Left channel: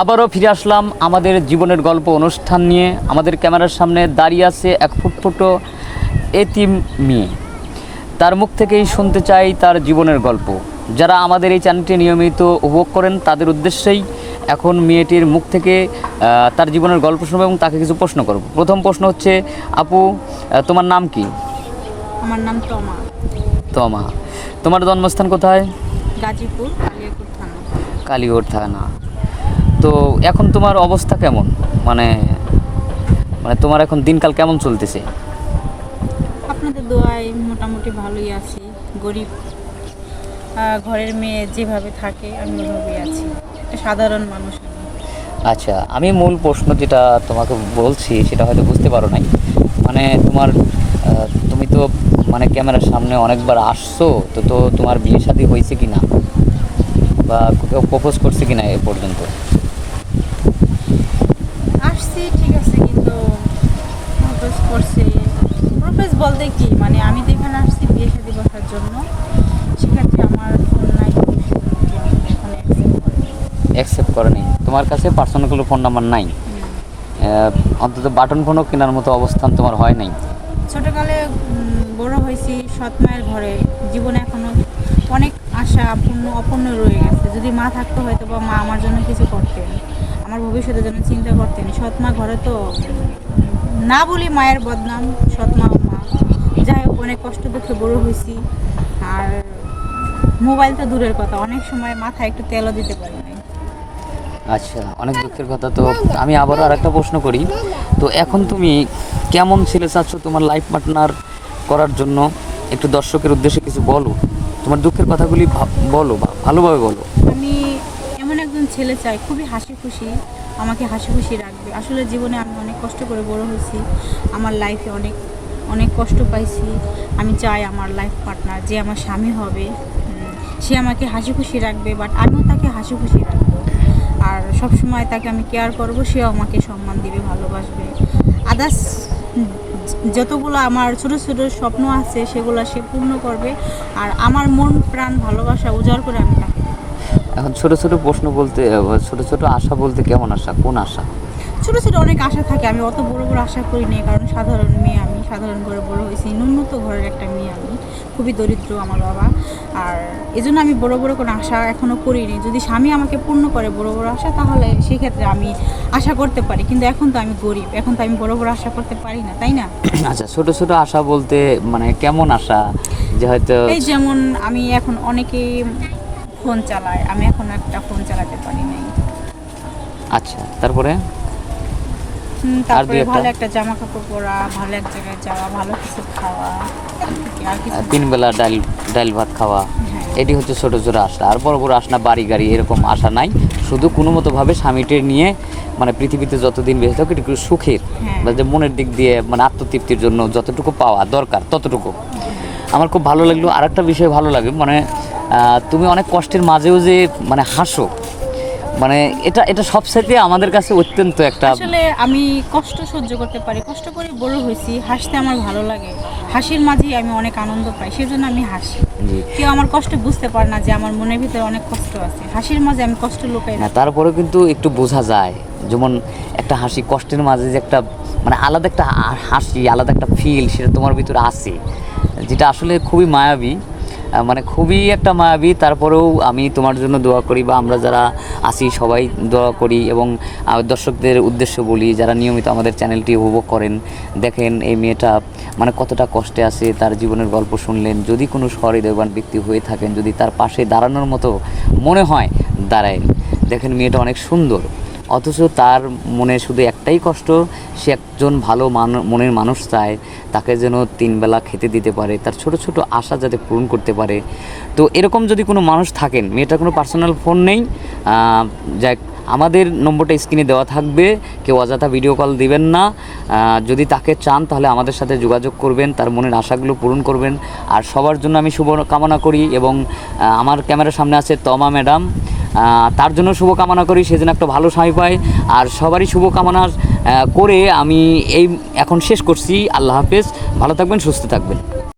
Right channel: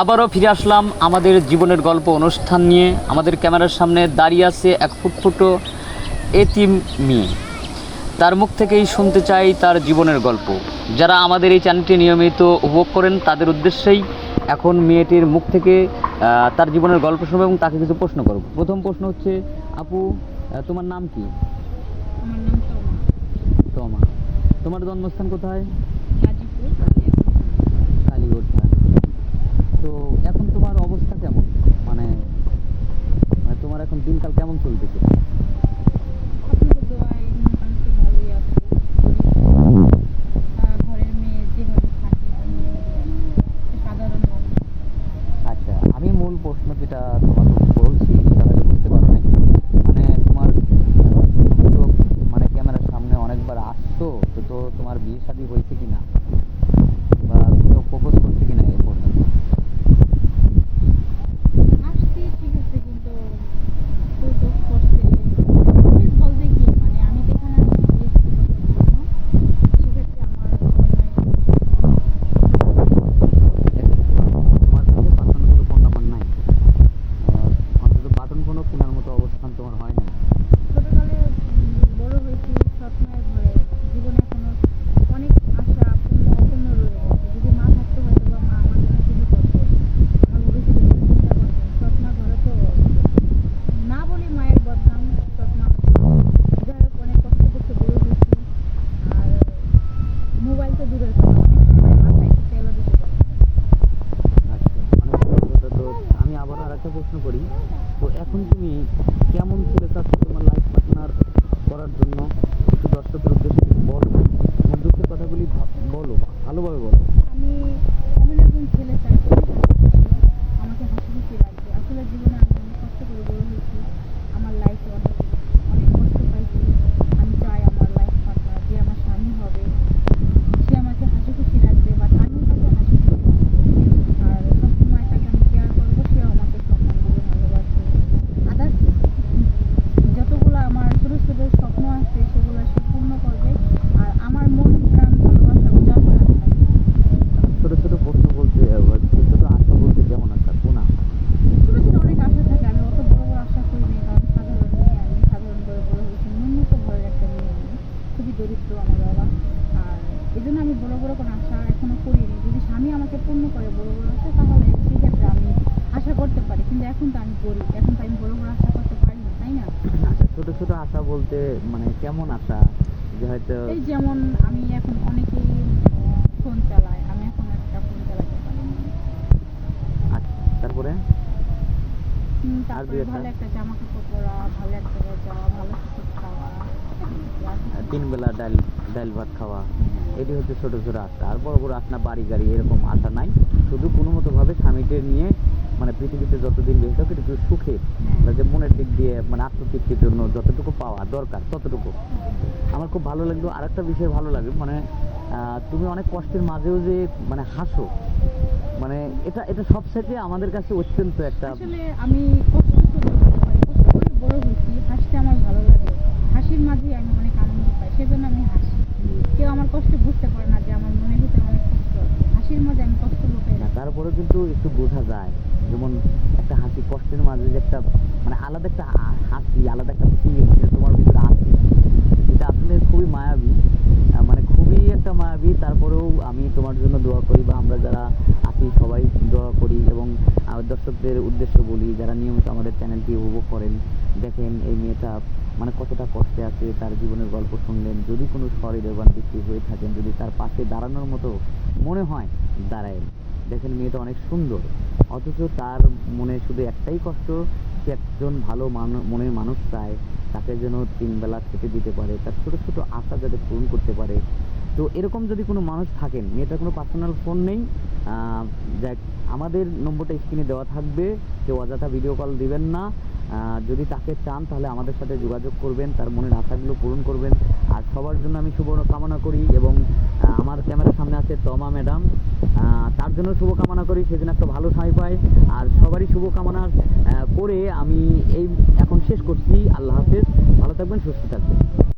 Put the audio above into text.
আবারও ফিরে আসলাম আমাদের জীবনের গল্প অনুষ্ঠান নিয়ে। আমাদের ক্যামেরার সামনে দাঁড়িয়ে আছে এক ফুটফুটো এতিম মেয়ে। তার মুখ থেকেই শুনতে চাই তার জীবনের গল্প। যারা আমাদের এই চ্যানেলটি নিয়মিত উপভোগ করেন তাদের উদ্দেশ্যেই এখন মেয়েটির মুখ থেকে তার জীবনের গল্প শুনব এবং তাকে কিছু প্রশ্ন করব। প্রথম প্রশ্ন হচ্ছে আপু তোমার নাম কি? আমার নাম তমা। তমা। তোমার জন্মস্থান কোথায়? গাজীপুর কালীগড় থানা। তো এখন তোমার অবস্থা কেমন? মানে মানে তোমার এখন দিনকাল কেমন চলতেছে? আপনাদের দোয়ায় মোটামুটি ভালোই আছি গরিব। ঘরের মেয়ে যেভাবে থাকে আমি আছি। সাধারণ মানুষ। আচ্ছা আমি মূল প্রশ্ন যেটা তোমাকে বলছি সেটা হয়তো বুঝতে পারো নাই। মানে তোমার তুমি তো মানে ক্যামেরার সামনে অনেকবার আসছো তো তো তোমার বিয়ে শাদী হয়েছে কি না বা কেউ প্রপোজ করছে কি না এ পর্যন্ত আসছি ঠিক আছে কিন্তু প্রপোজ করছে প্রপোজ বলতে কি মানে আমি তো এখানে আসছি বিয়ে শাদি বসার জন্য। সেক্ষেত্রে আমার নাই অ্যাকসেপ্ট করেনি। তোমার কাছে পার্সোনাল কোনো ফোন নাম্বার নাই। অন্তত বাটন ফোনও কেনার মতো অবস্থান তোমার হয় নাই। ছোটকালে বড় হয়েছি সৎ মায়ের ঘরে। জীবনে এখনও অনেক আশা পূর্ণ অপূর্ণ রয়ে গেছে। যদি মা থাকতো হয়তো বা মা আমার জন্য কিছু করতেন আমার ভবিষ্যতের জন্য চিন্তা করতেন। সৎ মা ঘরে তো না বলি মায়ের বদনাম সৎ মা যাই হোক অনেক কষ্ট দুঃখে বড় হয়েছি। আর মোবাইল তো দূরের কথা অনেক সময় মাথায় একটু তেলও দিতে পারি আচ্ছা অনেক দুঃখের কথা। তো আমি আবারও আর একটা প্রশ্ন করি। তো এখন তুমি কেমন ছেলে চাচ্ছ তোমার লাইফ পার্টনার করার জন্য? একটু দর্শকের উদ্দেশ্যে কিছু বলো। তোমার দুঃখের কথাগুলি বলো বা ভালোভাবে বলো। আমি এমন একজন ছেলে চাই খুবই হাসি খুশি আমাকে হাসি খুশি রাখবে। আসলে জীবনে আমি অনেক কষ্ট করে বড় হয়েছি। আমার লাইফে অনেক অনেক কষ্ট পাইছি। আমি চাই আমার লাইফ পার্টনার যে আমার স্বামী হবে সে আমাকে হাসি খুশি রাখবে বাট আমিও তাকে হাসি খুশি রাখব। আর সব সময় তাকে আমি কেয়ার করব সেও আমাকে সম্মান দিবে ভালোবাসবে। আদার্স যতগুলো আমার ছোটো ছোটো স্বপ্ন আছে সেগুলো সে পূর্ণ করবে। আর আমার মন প্রাণ ভালোবাসা উজাড় করে আমি তাকে এখন ছোট ছোট প্রশ্ন বলতে ছোট ছোট আশা বলতে কেমন আশা? কোন আশা? ছোট ছোট অনেক আশা থাকে আমি অত বড় বড় আশা করি না কারণ সাধারণ মেয়ে আমি সাধারণ ঘরে বড় হয়েছি ন্যূনত ঘরের একটা মেয়ে আমি খুবই দরিদ্র আমার বাবা। আর এজন্য আমি বড় বড় কোনো আশা এখনও করিনি। যদি স্বামী আমাকে পূর্ণ করে বড় বড় আশা তাহলে সেক্ষেত্রে আমি আশা করতে পারি। কিন্তু এখন তো আমি গরিব। এখন তো আমি বড় বড় আশা করতে পারি না তাই না? আচ্ছা ছোট ছোট আশা বলতে মানে কেমন আশা? যে হয়তো এই যেমন আমি এখন অনেকেই ফোন চালায়। আমি এখন একটা ফোন চালাতে পারি নাই। আচ্ছা তারপরে? তারপরে? ভালো একটা জামা কাপড় পরা ভালো এক জায়গায় যাওয়া ভালো কিছু খাওয়া তিন বেলা ডাল ডাল ভাত খাওয়া হ্যাঁ। এটি হচ্ছে ছোটো ছোটো আশা আর বড় বড় আশা বাড়ি গাড়ি এরকম আশা নাই শুধু কোনো মতোভাবে স্বামীটির নিয়ে মানে পৃথিবীতে যতদিন বেঁচে থাকুক একটু সুখের হ্যাঁ। যে মনের দিক দিয়ে মানে আত্মতৃপ্তির জন্য যতটুকু পাওয়া দরকার ততটুকু আমার খুব ভালো লাগল আর একটা বিষয় ভালো লাগে মানে আহ, তুমি অনেক কষ্টের মাঝেও যে মানে হাসো মানে এটা এটা সবসাইতে আমাদের কাছে অত্যন্ত একটা আসলে আমি কষ্ট সহ্য করতে পারি কষ্ট করে বড় হয়েছি হাসতে আমার ভালো লাগে। হাসির মাঝেই আমি অনেক আনন্দ পাই সেজন্য আমি হাসি। কেউ আমার কষ্ট বুঝতে পারে না যে আমার মনের ভিতরে অনেক কষ্ট আছে। হাসির মাঝে আমি কষ্ট লুকাই না হ্যাঁ তারপরেও কিন্তু একটু বোঝা যায় যেমন একটা হাসি কষ্টের মাঝে যে একটা মানে আলাদা একটা হাসি আলাদা একটা ফিল সেটা তোমার ভিতরে আছে যেটা আসলে খুবই মায়াবী। মানে খুবই একটা মায়াবী। তারপরেও আমি তোমার জন্য দোয়া করি বা আমরা যারা আছি সবাই দোয়া করি এবং দর্শকদের উদ্দেশ্য বলি, যারা নিয়মিত আমাদের চ্যানেলটি উপভোগ করেন, দেখেন এই মেয়েটা মানে কতটা কষ্টে আছে, তার জীবনের গল্প শুনলেন, যদি কোনো সহৃদয়বান ব্যক্তি হয়ে থাকেন, যদি তার পাশে দাঁড়ানোর মতো মনে হয়, দাঁড়ায়। দেখেন মেয়েটা অনেক সুন্দর। অথচ তার মনে শুধু একটাই কষ্ট, সে একজন ভালো মানু, মনের মানুষ চায়, তাকে যেন তিনবেলা খেতে দিতে পারে, তার ছোট ছোট আশা যাতে পূরণ করতে পারে। তো এরকম যদি কোনো মানুষ থাকেন, মেয়েটার কোনো পার্সোনাল ফোন নেই যাক আমাদের নম্বরটা স্ক্রিনে দেওয়া থাকবে। কেউ অযথা ভিডিও কল দিবেন না। যদি তাকে চান, তাহলে আমাদের সাথে যোগাযোগ করবেন, তার মনের আশাগুলো পূরণ করবেন। আর সবার জন্য আমি শুভ কামনা করি এবং আমার ক্যামেরার সামনে আছে তমা ম্যাডাম। তার জন্য শুভকামনা করি সেজন্য একটা ভালো স্বামী পায়। আর সবারই শুভকামনা করে আমি এই এখন শেষ করছি। আল্লাহ হাফেজ। ভালো থাকবেন, সুস্থ থাকবেন।